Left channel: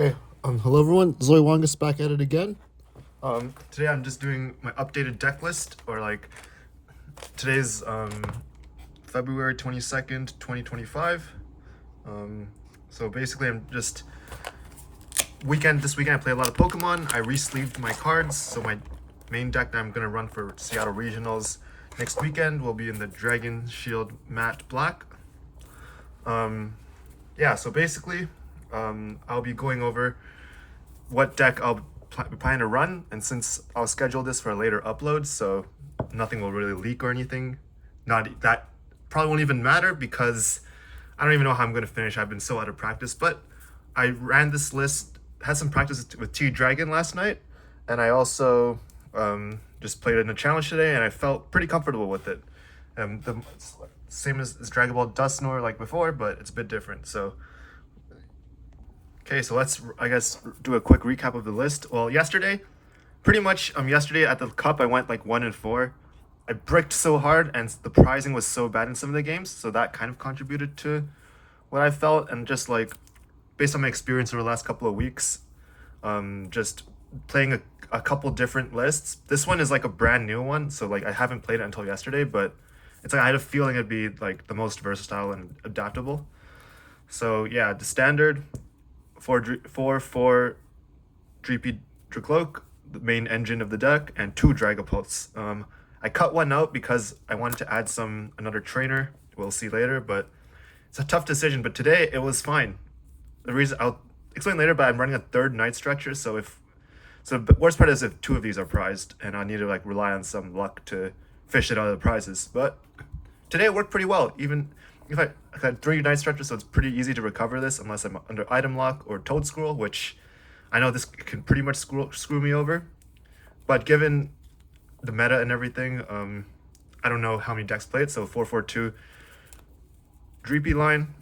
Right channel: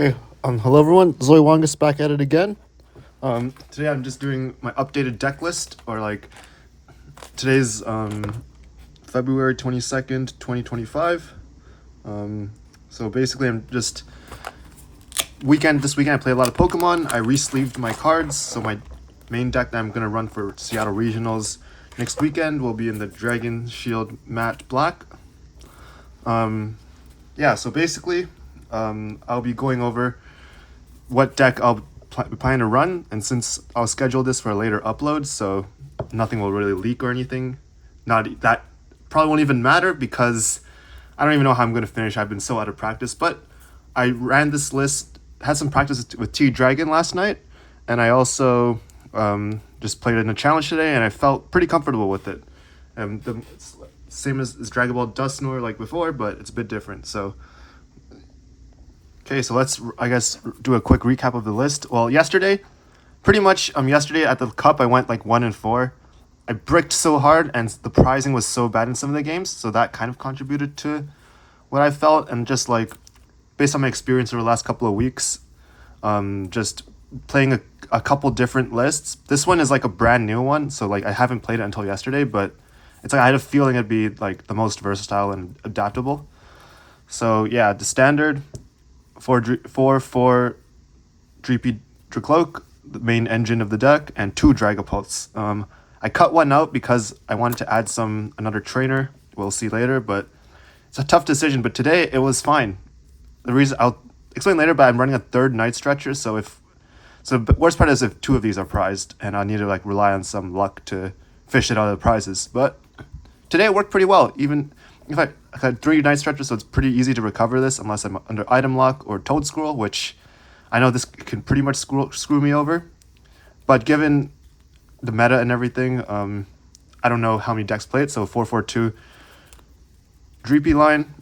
Okay. Hello everyone. Zoe Wangus back at it again. Today I'm just doing my updated deck list, or like today's February 22nd, 2025. So basically I'm just this weekend I played a lot of Pokemon. I re-sleeved my cards, so my main deck that I'm gonna run for Seattle Regionals next weekend will be in the Dragon Shield Matte Black. Yeah, so basically I'll be going over what deck I'll be planning to run, and since I'll schedule this for a later upload, so nothing will really leak or anything. Not that probably won't even matter because I don't even know how I'm gonna finish. I've been so out of practice, but I ran this list, had some practice with T Dragon last night, and I also just played it in a challenge today, and I felt pretty comfortable with it. It's same as Dragon Ball dusknoir like before, but it's a bit different. So okay, so let's, I guess, do a quick recap of the list. Well, yesterday, pretty much, yesterday at the cup, I went like 1-4. I bricked so hard, and the pricing was so bad in some of the games, so that kind of contributed to what I felt. And just like, based on my experience over the last couple of weeks, just playing a couple different lists. This one is like a brand new one, so like I haven't played it until yesterday, but it's like I had a feeling it'd be like the most versatile and adaptable. So yeah, the standard, 4 Dreepy Dracloak, the main engine of the deck, and 2 Dragapults. I cut one out because I wanted to add another trainer. We'll see later, but it's a tough decision. But today it was fine. The reason I'll explain later, but I'm running a third Night Stretcher, so the worst part is if 2 of these are prized, and I need to like rely on some luck to fish it out of the prizes. But today it worked pretty well. Even if I had 3 Night Stretchers, so it's pretty easy to recover this unless I'm under item lock or Toad Scroll, which I know this can pretty much screw me over. But given the meta and everything, I don't know how many decks play it, so 4-4-2 Dreepy line,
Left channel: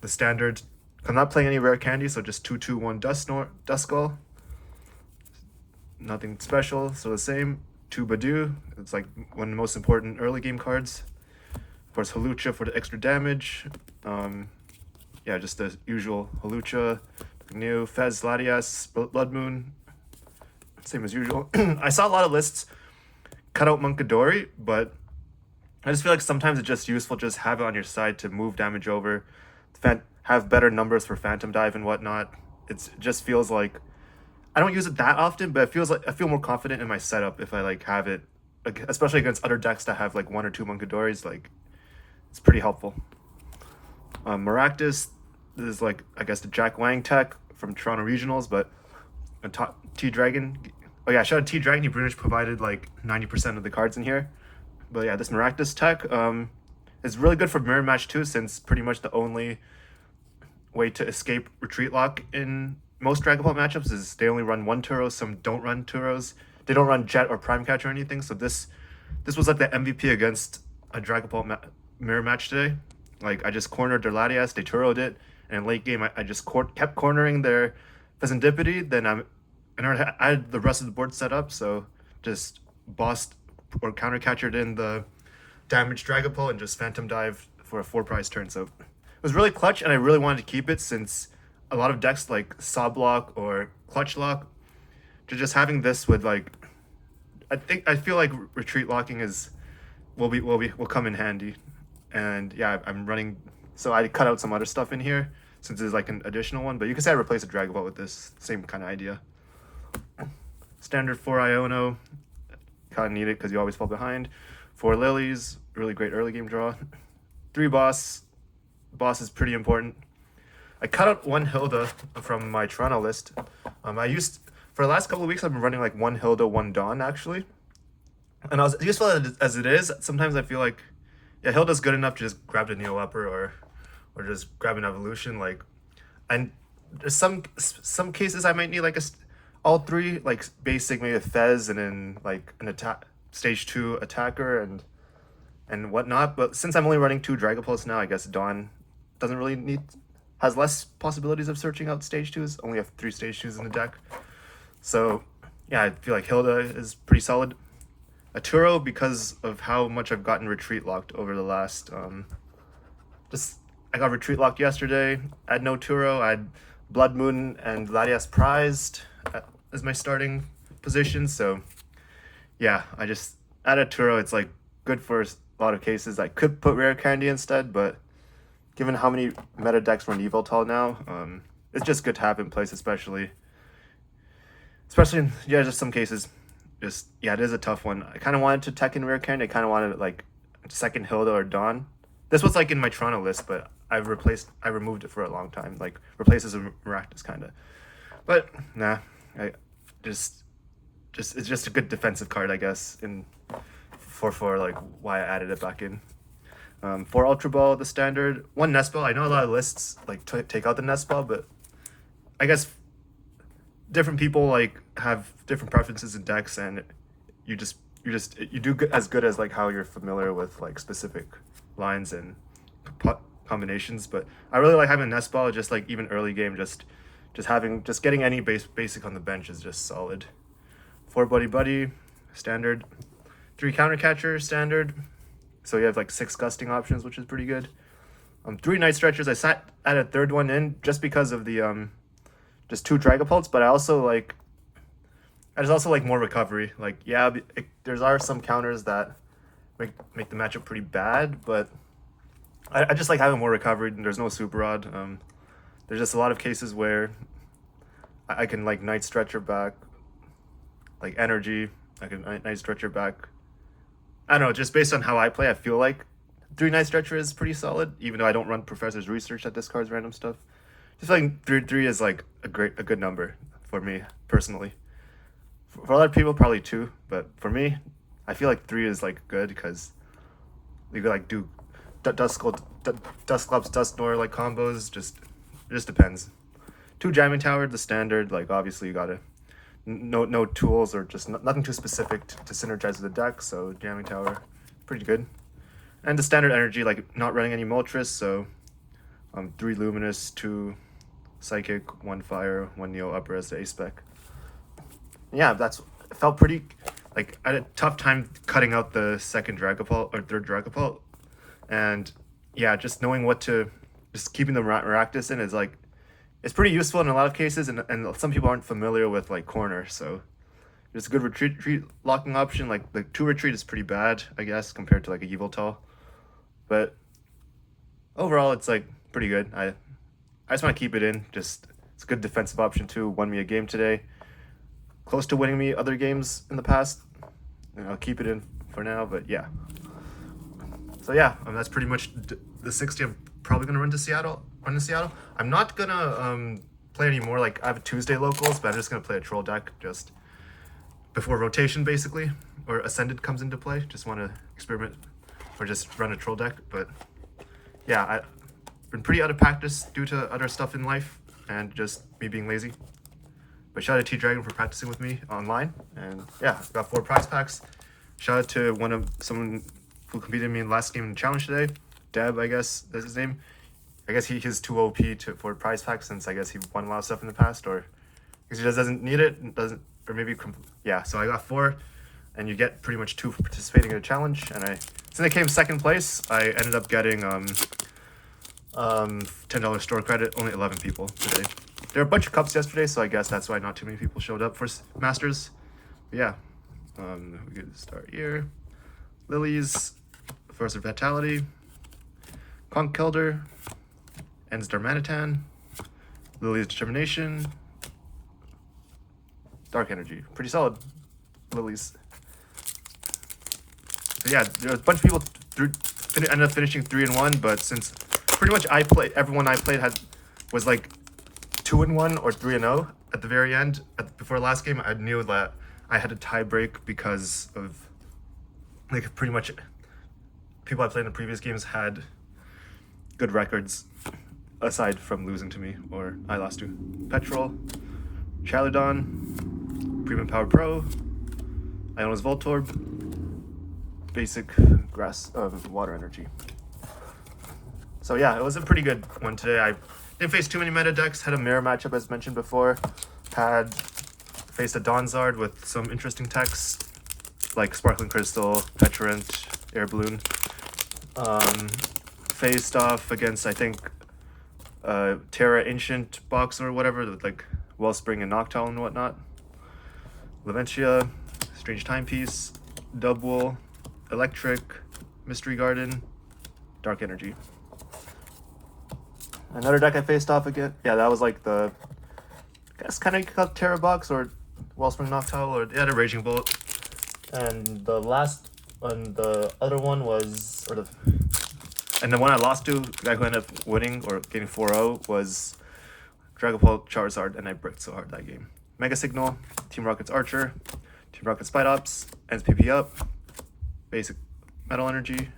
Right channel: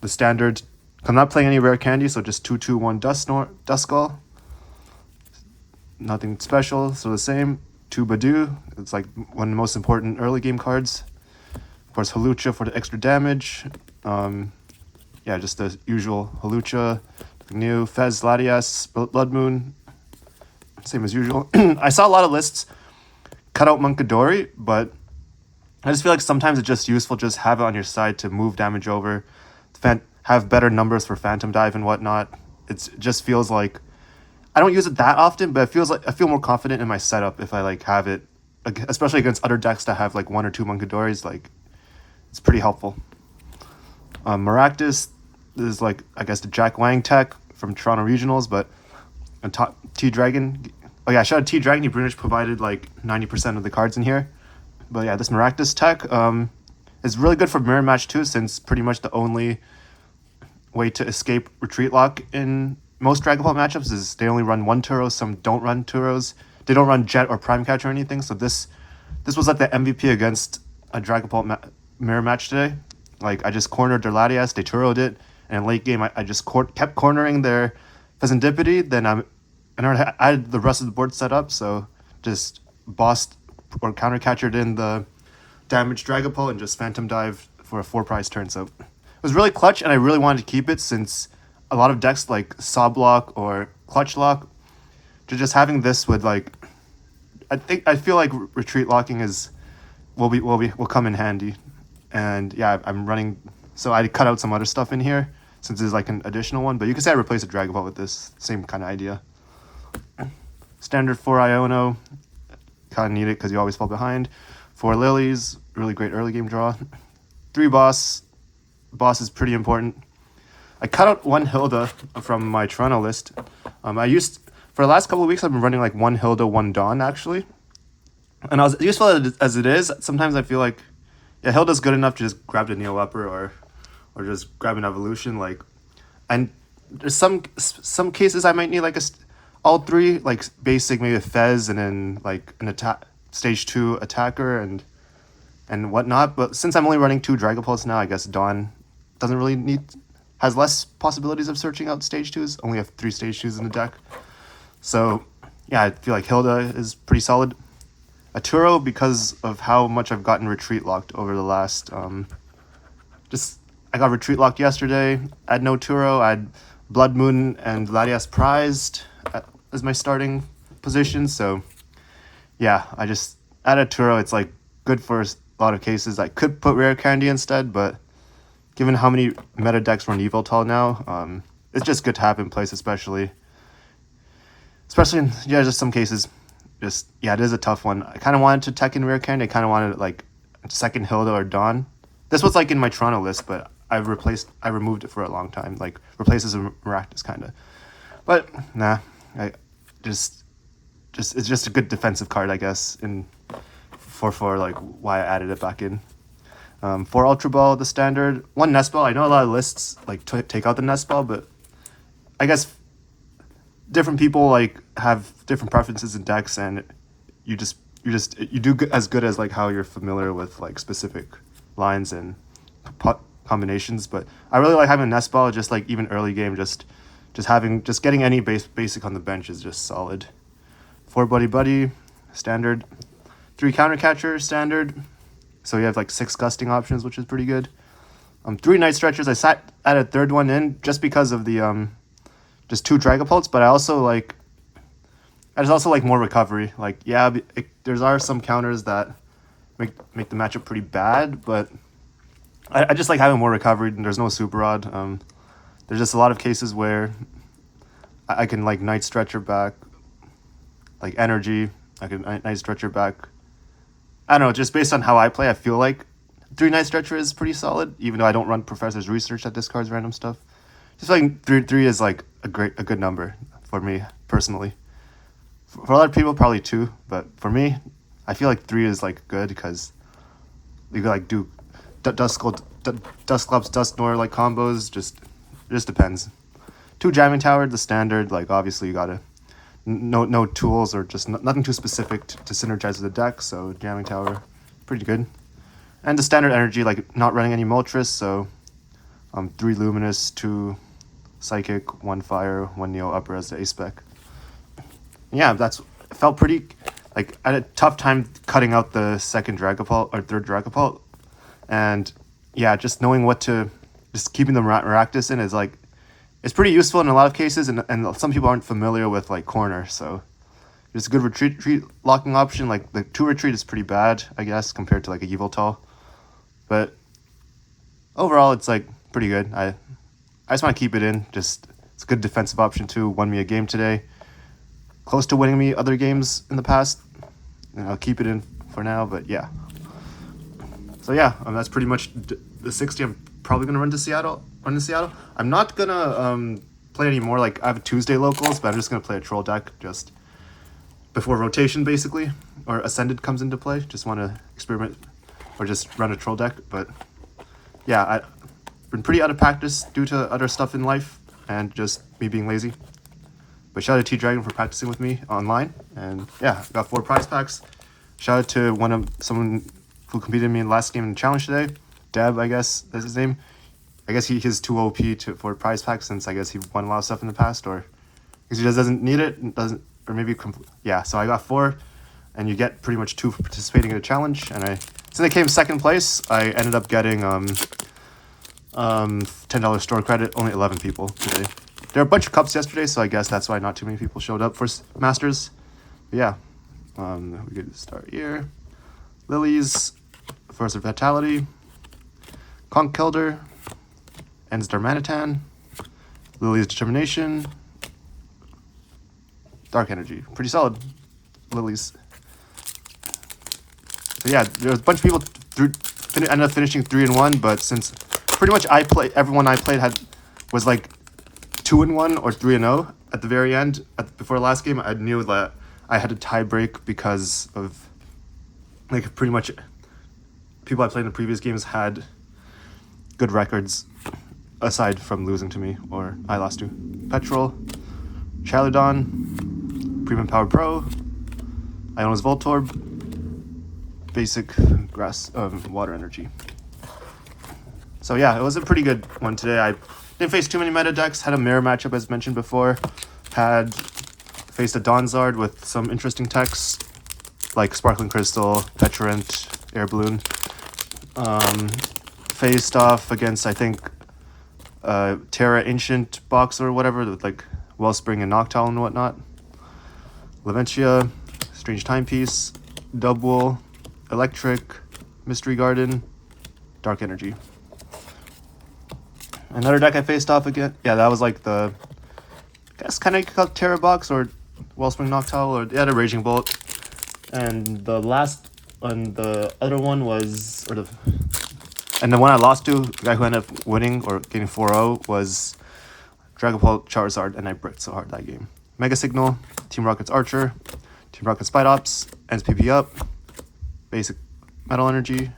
the standard. I'm not playing any rare candy, so just 2-2-1 Duskull. Nothing special, so the same. 2 Badoo, it's like one of the most important early game cards. Of course, Hawlucha for the extra damage. Yeah, just the usual Hawlucha, new Fez, Latias, Blood Moon, same as usual. I saw a lot of lists cut out Munkidori, but I just feel like sometimes it's just useful just have it on your side to move damage over, have better numbers for Phantom Dive and whatnot. It just feels like I don't use it that often, but it feels like I feel more confident in my setup if I like have it, especially against other decks that have like 1 or 2 Munkidoris. Like, it's pretty helpful. Maractus is like, I guess, the Jack Wang tech from Toronto Regionals, but T Dragon. Oh yeah, shout out T Dragon. He pretty much provided like 90% of the cards in here. But yeah, this Maractus tech is really good for mirror match too, since pretty much the only way to escape retreat lock in most Dragon Ball matchups is they only run 1 Turo. Some don't run Turos. They don't run Jet or Prime Catch or anything. So this was like the MVP against a Dragon Ball mirror match today. Like, I just cornered their Latias, they Turo'd it, and late game I just kept cornering their Pheasantipity. Then I had the rest of the board set up, so just bossed or counter catchered in the damaged Dragapult and just Phantom Dive for a 4 prize turn. So it was really clutch, and I really wanted to keep it since a lot of decks like Saw Block or Clutch Lock, just having this would like, I feel like retreat locking will come in handy. And yeah, I'm running, so I cut out some other stuff in here since there's like an additional one, but you can say I replaced a Dragon Ball with this, same kind of idea. Standard 4 Iono, kind of need it because you always fall behind. 4 Lilies, really great early game draw. 3 Boss is pretty important. I cut out 1 Hilda from my Toronto list. For the last couple of weeks, I've been running like 1 Hilda, 1 Dawn actually. And as useful as it is, sometimes I feel like, yeah, Hilda's good enough to just grab the Neo Upper or just grab an evolution. Like, and there's some cases I might need like all 3 like basic, maybe a Fez and then like an attack stage 2 attacker and whatnot. But since I'm only running 2 Dragapults now, I guess Dawn doesn't really has less possibilities of searching out stage 2s. Only have 3 stage 2s in the deck. So yeah, I feel like Hilda is pretty solid. A Turo, because of how much I've gotten retreat locked over the last I got retreat locked yesterday. I had no Turo. I had Blood Moon and Latias Prized as my starting position. So yeah, I just added Turo. It's like good for a lot of cases. I could put Rare Candy instead, but given how many meta decks run Evoltol now, it's just good to have in place, especially in just some cases. Just yeah, it is a tough one. I kind of wanted to tech in Rare Candy. I kind of wanted like second Hilda or Dawn. This was like in my Toronto list, but I removed it for a long time. Like replaces a Maractus kind of. But nah, I just it's just a good defensive card, I guess. For like why I added it back in. 4 Ultra Ball, the standard. 1 Nest Ball. I know a lot of lists like take out the Nest Ball, but I guess different people like have different preferences in decks, and you do as good as like how you're familiar with like specific lines and combinations. But I really like having a Nest Ball. Just like even early game, just getting any basic on the bench is just solid. 4 Buddy standard. 3 Counter Catcher standard. So you have like 6 gusting options, which is pretty good. 3 Night Stretchers. I added a third one in just because of the just 2 Dragapults, but I also like more recovery. Like yeah, there's are some counters that make the matchup pretty bad, but I just like having more recovery. And there's no Super Rod. There's just a lot of cases where I can like Night Stretcher back, like energy. I can Night Stretcher back. I don't know, just based on how I play, I feel like 3 Night Stretcher is pretty solid, even though I don't run Professor's Research that discards random stuff. Just like 3 is like a good number for me personally. For other people, probably 2, but for me, I feel like 3 is like good because you could like do Dusclops, Dusknoir like combos. It just depends. 2 Jamming Tower, the standard. Like obviously you gotta no tools or just nothing too specific to synergize with the deck. So Jamming Tower, pretty good. And the standard energy, like not running any Moltres. So 3 Luminous, 2 Psychic, 1 Fire, 1 Neo Upper as the A spec. Yeah, it felt pretty. Like I had a tough time cutting out the second Dragapult or third Dragapult, and yeah, just knowing just keeping the Maractus in is like, it's pretty useful in a lot of cases, and some people aren't familiar with like corner, so it's a good retreat locking option. Like the 2 retreat is pretty bad, I guess, compared to like a Yveltal, but overall it's like pretty good. I just want to keep it in. Just it's a good defensive option too. Won me a game today. Close to winning me other games in the past. And I'll keep it in for now, but yeah. So yeah, that's pretty much the 60. I'm probably gonna run to Seattle. I'm not gonna play anymore. Like I have Tuesday locals, but I'm just gonna play a troll deck just before rotation, basically, or Ascended comes into play. Just want to experiment or just run a troll deck. But yeah, I've been pretty out of practice due to other stuff in life and just me being lazy. But shout out to T-Dragon for practicing with me online. And yeah, got 4 prize packs. Shout out to someone who competed with me in the last game in the challenge today. Deb, I guess that's his name. I guess he's too OP for prize packs since I guess he won a lot of stuff in the past, or because he just doesn't need it, or maybe yeah. So I got 4, and you get pretty much 2 for participating in a challenge. And since I came second place, I ended up getting $10 store credit. Only 11 people today. There were a bunch of cups yesterday, so I guess that's why not too many people showed up for Masters. But yeah, we could start here. Lilies, Force of Vitality, Conch Kilder, Ends Darmanitan, Lily's Determination, Dark Energy. Pretty solid, Lilies. So yeah, there was a bunch of people ended up finishing 3-1, but since pretty much everyone I played was like 2-1 or 3-0 at the very end. Before the last game, I knew that I had a tie break because of like pretty much people I played in the previous games had good records aside from losing to me or I lost to. Petrol, Charladon, Premium Power Pro, Iona's Voltorb, basic grass water energy. So yeah, it was a pretty good one today. I didn't face too many meta decks, had a mirror matchup as mentioned before, faced a Donzard with some interesting techs like Sparkling Crystal, Petrant, Air Balloon. Faced off against I think Terra Ancient box or whatever, with like Wellspring and Noctowl and whatnot. Laventia, Strange Timepiece, Dubwool, Electric, Mystery Garden, Dark Energy. Another deck I faced off again. Yeah, that was like the, I guess kind of called Terra box or Wellspring Noctowl, or they had a Raging Bolt. And the last, and the other one was, and the one I lost to, the guy who ended up winning or getting 4-0 was Dragapult Charizard, and I bricked so hard that game. Mega Signal, Team Rocket's Archer, Team Rocket Spite Ops, ends PP up, basic Metal Energy.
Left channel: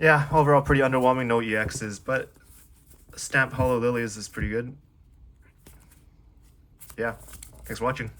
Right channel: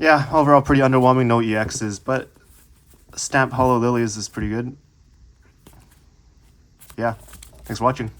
Yeah, overall pretty underwhelming, no EXs, but Stamp Hollow Lilies is pretty good. Yeah, thanks for watching.